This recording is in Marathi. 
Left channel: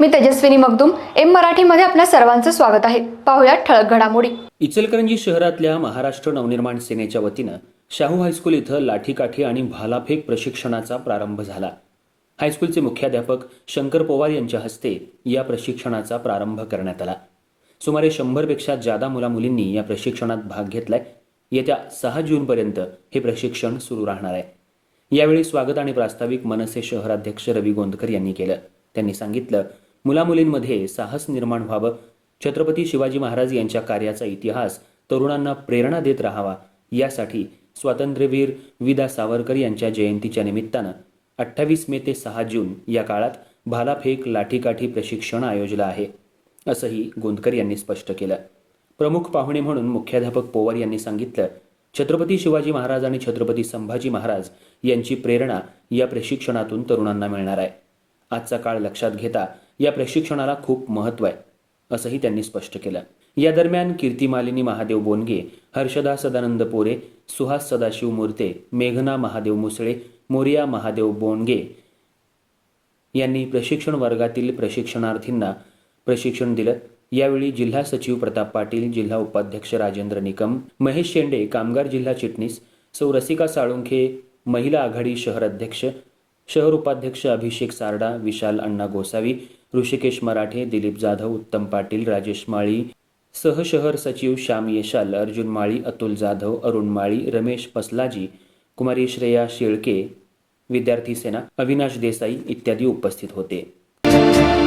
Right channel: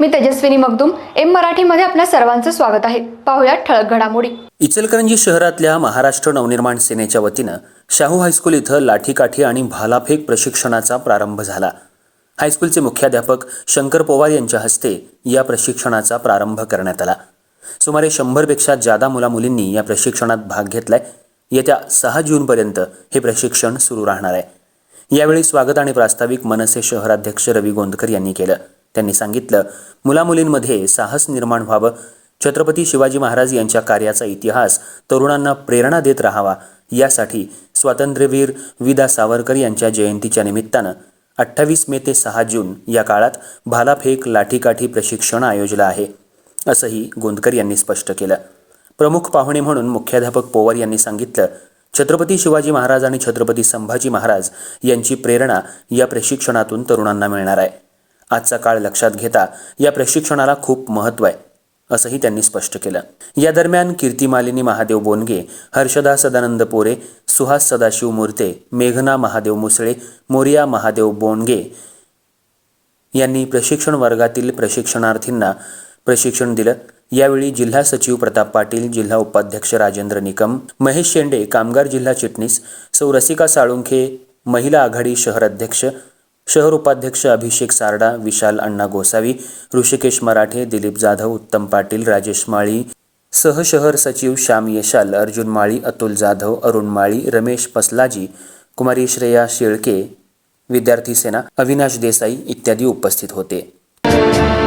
मी तेजस्विनी मगदुम एम मराठीमध्ये आपल्या सर्वांचं स्वागत आहे. पाहुयात ठळक घडामोडी. इचलकरंजी शहरातल्या महाराष्ट्र नवनिर्माण सेनेच्या वतीनं शाहू हायस्कूल इथं लाठीकाठी आणि भालाफेक प्रशिक्षणाचा प्रारंभ झाला. हायस्कूलचे मुख्याध्यापक शंकर पोवार यांच्या हस्ते या प्रशिक्षणाचा प्रारंभ करण्यात आला. सुमारे शंभरपेक्षा जादा मुलामुलींनी या प्रशिक्षणात भाग घेतलाय. येत्या सहा जूनपर्यंत हे प्रशिक्षण सुरू राहणार आहे. यावेळी स्वागत आणि प्रास्ताविक मनसे शहराध्यक्ष रवी गोंदकर यांनी केलं. त्यांनी सांगितलं मुलामुलींमध्ये साहस निर्माण व्हावं. छत्रपती शिवाजी महाराज यांच्या कार्याचा इतिहास तरुणांना प्रेरणा देत राहावा. यासाठी स्वातंत्र्यवीर विदा सावरकर यांच्या जयंतीच्या निमित्तानं अठ्ठावीस मे ते सहा जून या काळात भालाफेक लाठीकाठी प्रशिक्षण आयोजलं आहे असंही गोंदकर यांनी स्पष्ट केलं. प्रमुख पाहुणे म्हणून मुख्याध्यापक पोवार यांनी सांगितलं छत्रपती शिवाजी महाराज आणि छत्रपती संभाजी महाराज यांची प्रेरणा या प्रशिक्षणातून तरुणांना मिळणार आहे. आजचा काळ लक्षात घेता या प्रशिक्षणाला खूप महत्त्व आहे असंही त्यांनी स्पष्ट केलं. या दरम्यान कीर्तिमालिनी महादेव बोनगे हर्षदा सदानंद पोरे सुहास सदाशिव मूर्ते मेघना महादेव मुसळे मोरिया महादेव बोनगे यांनी प्रशिक्षण वर्गातील प्रशिक्षणार्थींना प्रशिक्षण दिलं. यावेळी जिल्हा सचिव प्रताप पाटील जिल्हा उपाध्यक्ष राजेंद्र निकम महेश शेंडे कामगार जिल्हा चिटणीस सौ रसिका साळुंखे महिला आघाडी शहर अध्यक्ष शहर उपाध्यक्ष अभिषेक सारडा विशाल अण्णा गोसावी ऋषिकेश मराठे दिलीप जाधव उत्तम पाटील राजेश माळी सहशहर सचिव श्याम येशाल अर्जुन माळी अतुल जाधव अरुण माळी रमेश पसलाजी कुमारी श्रेया शेळके विद्यार्थी सेना अविनाश देसाई इत्यादी उपस्थित होते.